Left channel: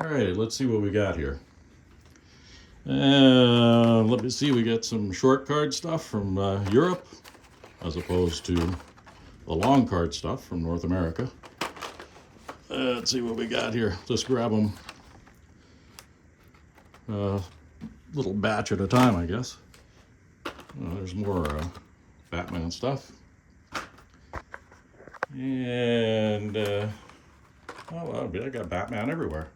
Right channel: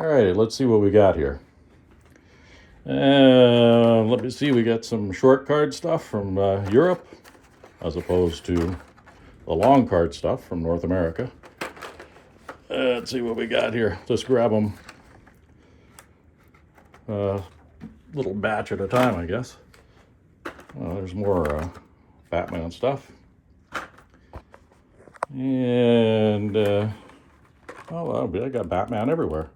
All right, let's see what we got here. Let me see, we got some short card stuff from Europe as opposed to the long card stuff from North America. Let's see what we got here. Just grab them a little batch at a time, I guess. There's more Batman stuff. And, oh, well, I got Batman everywhere.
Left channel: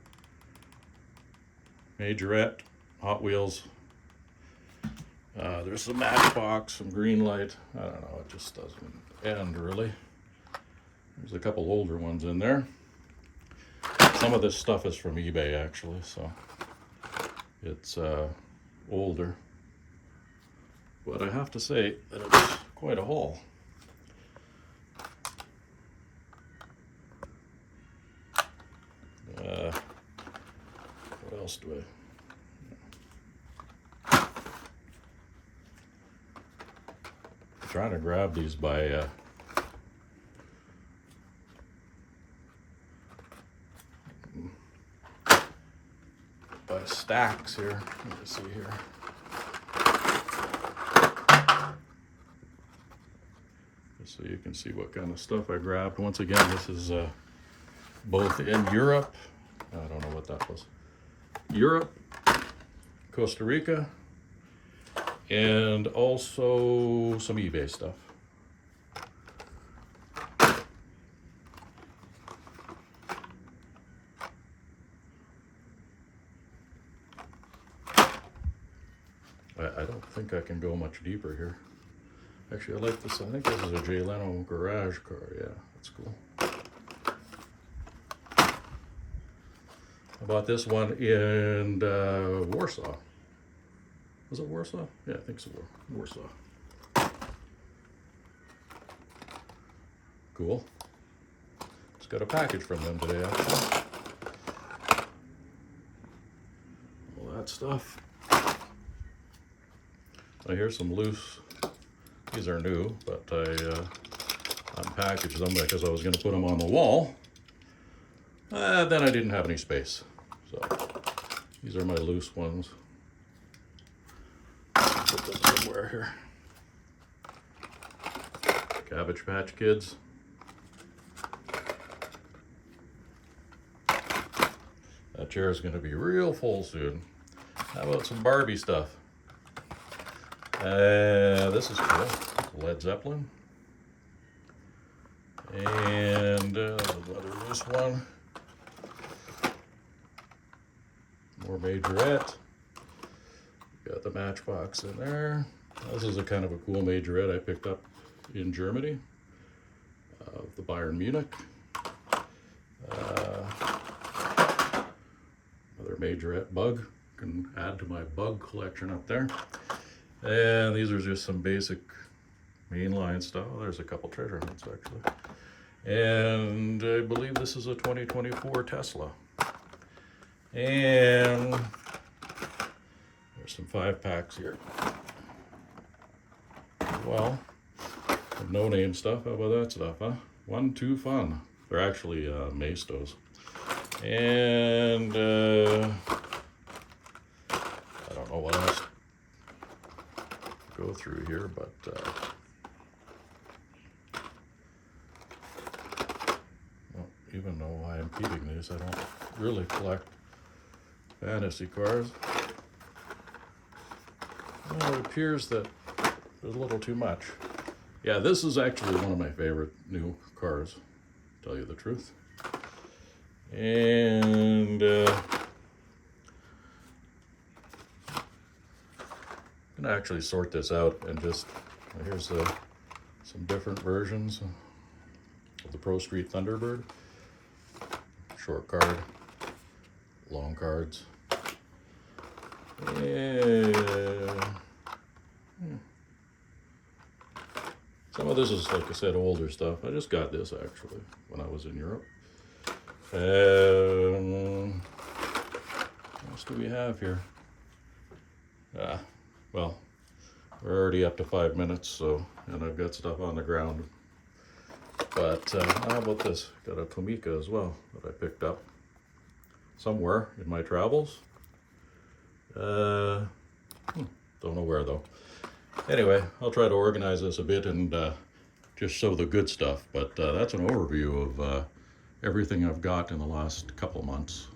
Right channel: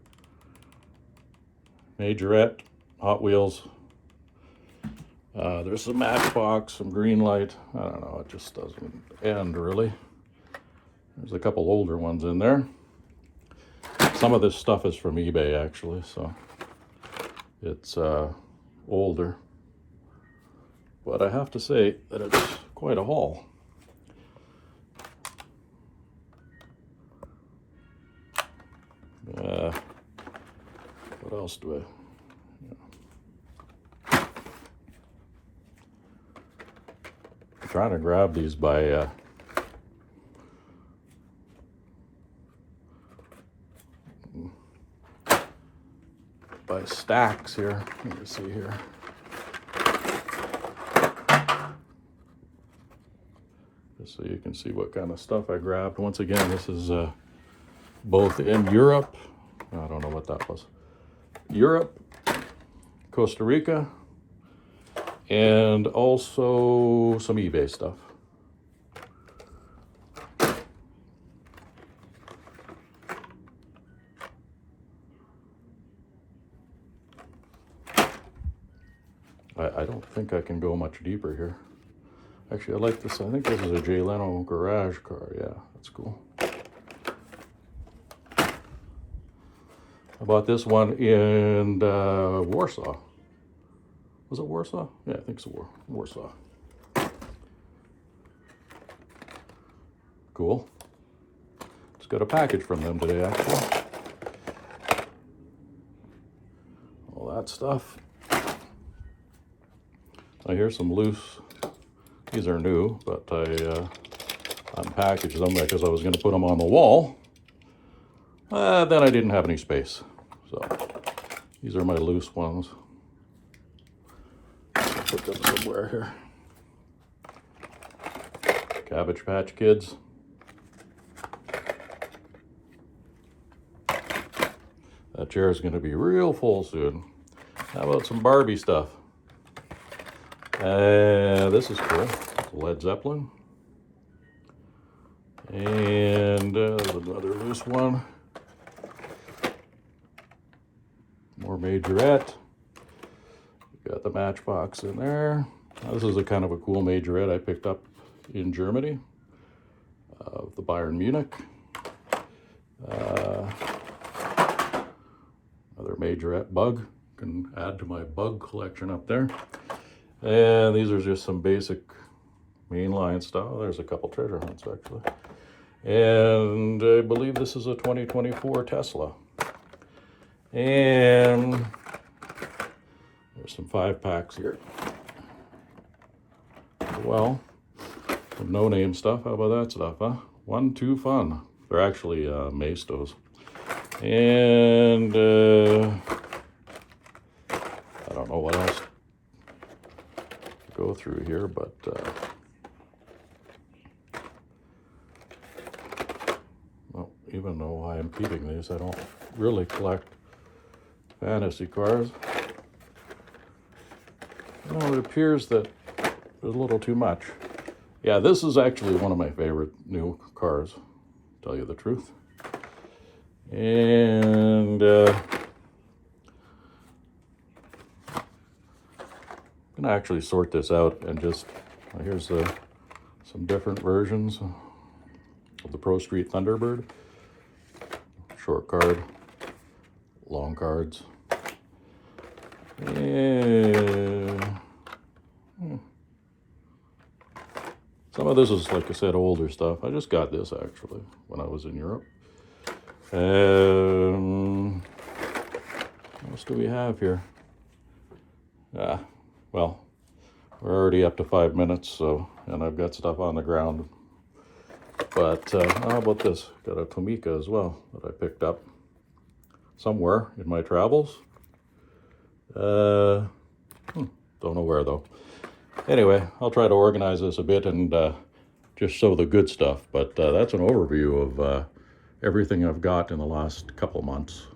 Majorette, Hot Wheels. There's some Matchbox, some Green Light. I don't know, it just doesn't end really. There's a couple older ones in there. Some of this stuff is from eBay actually, so it's older. But I have to say that it's quite a haul. What else do I'm trying to grab these by stacks here. Let me see here. Just so you can see what kind of stuff I grabbed. Once again, this is both in Europe. I don't know what that was. Europe, Costa Rica, and also some eBay stuff. I don't think I can go much deeper here. Actually, I like this. I think this is a Jay Leno garage car. Yeah, that's cool. I bought this one in Warsaw. Was it Warsaw? Yeah, I think it's Warsaw. Cool. Just got a package from them today, actually. All that stuff. Now here's some loose. These are new, but I unpackaged them because I was going to put them on the wall. Then I didn't have any space. So these are my loose ones. Put them somewhere here. Cabbage Patch Kids. That chair is going to be real full soon. How about some Barbie stuff? This is cool. Led Zeppelin. And there's another loose one. More Majorette. Got the Matchbox in there. This is a kind of a cool Majorette I picked up in Germany. The Bayern Munich. Another Majorette bug. Can add to my bug collection up there. And these are just some basic mainline stuff. There's a couple treasure hunts actually. And I believe this is a 2024 Tesla. And there's some 5-packs here. Well, some no-name stuff. How about that stuff, huh? 1-2 Fun. They're actually Mastos. And I don't know what else to go through here, but well, even though I am keeping these, I don't really collect fantasy cars. Well, it appears that there's a little too much. Yeah, this is actually one of my favorite new cars, to tell you the truth. And I'm gonna actually sort this out and just, here's some different versions of the Pro Street Thunderbird. Short card, long cards. And some of this is, like I said, older stuff. I just got this actually when I was in Europe. What else do we have here? Well, we're already up to 5 minutes, so, and I've got stuff on the ground. But how about this? Got a Tomica as well that I picked up. somewhere in my travels. Don't know where though. Anyway, I'll try to organize this a bit and just show the good stuff. But that's an overview of everything I've got in the last couple months.